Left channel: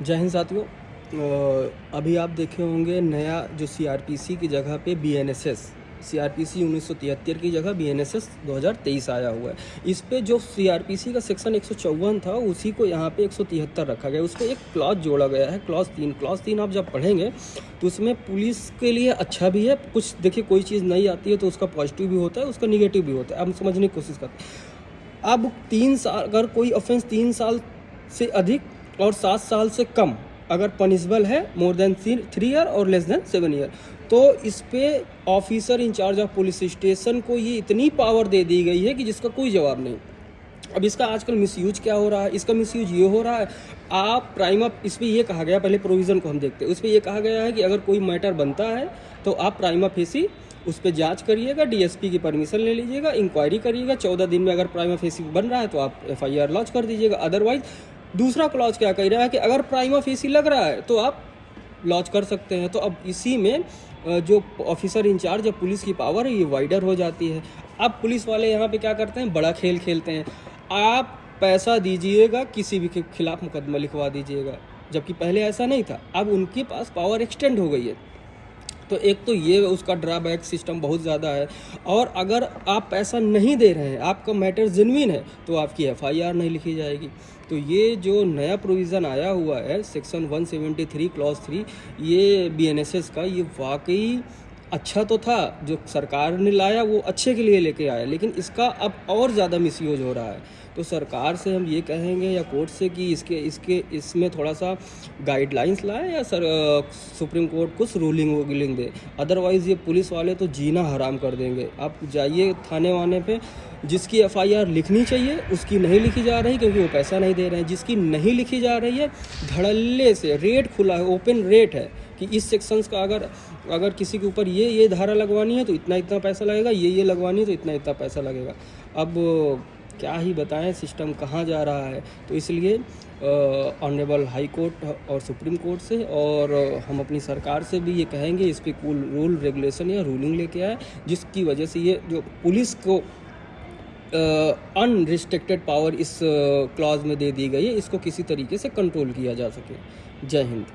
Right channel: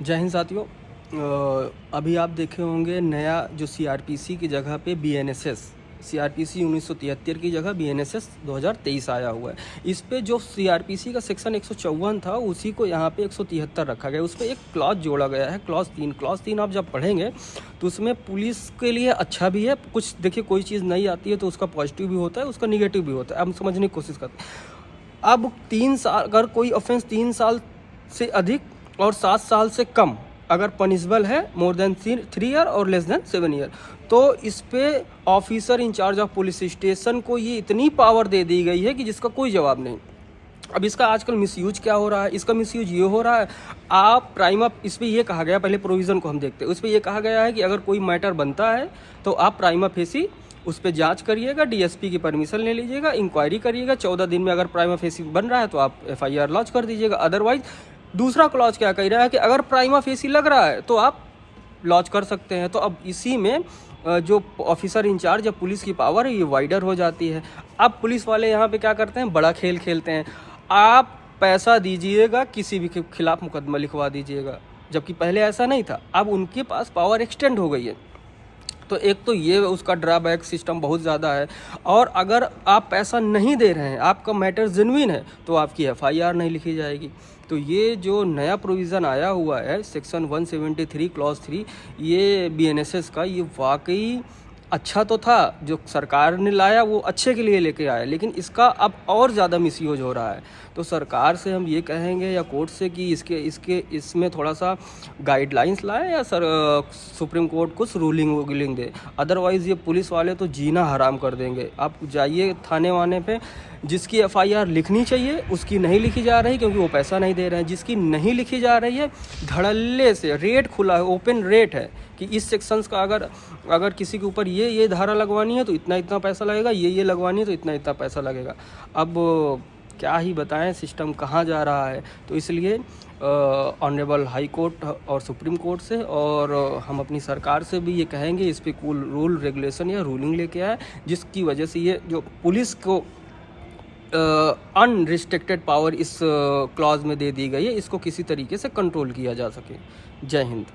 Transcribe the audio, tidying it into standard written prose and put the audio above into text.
जय हिंद साथियों। अभी आप देखे होंगे नया जो सीआरपीसी की जगह पे बीएनएसएस, सीआरपीसी 1973 की जगह बीएनएसएस 2023 आया हुआ है। इस पे जो सीआरपीसी का सेक्शन 154 था उसी को यहाँ पे 173 रखा गया। उस पर एक क्लॉज जोड़ा गया है, क्लॉज 3 आप जब पढ़ेंगे तो उसमें पुलिस के लिए अच्छा भी है। कुछ देखिए, कोई चीज़ नहीं आती है तो उसका पॉजिटिव भी होता है, उसका निगेटिव भी होता है। हम समझने की कोशिश करते हैं। अब 3 साल, अगर कोई ऑफेंस 3 साल से अधिक और 7 साल से कम अगर पनिशबल है, मोर देन 3 ईयर और लेस देन 7 ईयर, तो इस पे officer incharge of police station को ये इतनी पावर दे दी गई है कि जिसका कोई जवाब नहीं। अब इसका आजकल मिसयूज क्या हो रहा है? इसका मिसयूज ये हो रहा है, आप प्राइम अप, इस पर यह कहा गया, पहले प्रोविज़न को हम देखते हैं, उस पर यह कहा गया है कि अगर कोई मैटर बनता है तो आप प्राइमा फेसी उस पर जांच करिएगा, डीएसपी की परमिशन ले लीजिएगा, इंक्वायरी करिएगा, 14 दिन में अगर प्राइमा फेसी बन रहा है तो आप एफआईआर लॉन्च कर दीजिएगा। अदरवाइज दूसरा क्लॉज क्या कह रहा है कि अगर प्राइमा फेसी लग रहा है तो आप लॉन्च कर सकते हैं। तो अब इसी में जो ऑफिसर इंचार्ज या पुलिस की पावर है ये वाइडर हो जाती है। अब पुलिस वाले यहाँ पे क्या करते हैं, बड़ा खेल खेलते हैं। आप पैसा दीजिएगा, किसी भी के खिलाफ मुकदमा लिखवा दीजिएगा, जबकि पहले ऐसा नहीं था। अब उनके पास पावर एक्सटेंड हो गई है। तो एक तो ये उसका ड्रॉबैक सिस्टम बहुत ज़्यादा है। और अगर आप पैसा नहीं दे रहे हैं, आपका मैटर जेन्युइन है, तो आपकी एफआईआर नहीं लिखी जाएगी। तो ये जो नया प्रोविज़न आया हुआ है सेक्शन 173 क्लॉज 3, ये बीएनएसएस का, ये वाकई अच्छा तो था। जो सरकार ने लाया वो अच्छे के लिए लेके आया, लेकिन इसका अब और ज़्यादा मिसयूज हो रहा है। तो सरकार से हम ये कहेंगे या कोर्ट से कि इसमें थोड़ा सा गाइडलाइंस लाए या सुप्रीम कोर्ट कुछ रूलिंग दे। अदरवाइज़ ये पुलिस वाले तो जीना हराम कर देंगे। आप जाइए थाने वाने पे, जिसकी एफआईआर लिखनी चाहिए उसकी नहीं लिखी जा रही क्योंकि वो पैसा नहीं दे रहे हैं। जिसकी नहीं लिखी जा रही है, धड़ल्ले से रेट खुला है, ओपन रेट है कि इस सेक्शंस का अगर किसी के ऊपर ये धारा लगवानी है तो इतना पैसा लगेगा, ये लगवानी है तो इतना पैसा लगेगा। अब क्या ही बताएं सिस्टम कहाँ जा रहा है। तो इसलिए ऑनरेबल हाई कोर्ट और सुप्रीम कोर्ट से, और हम अपनी सरकार से भी ये कहेंगे इस पर कोई रूल रेगुलेशन या रूलिंग लेके आए, जिसकी वजह से ये जो पुलिस को अनरिस्ट्रिक्टेड पावर इस क्लॉज में दे दी गई है, इसको किसी तरीके से कंट्रोल किया जा सके। जय हिंद।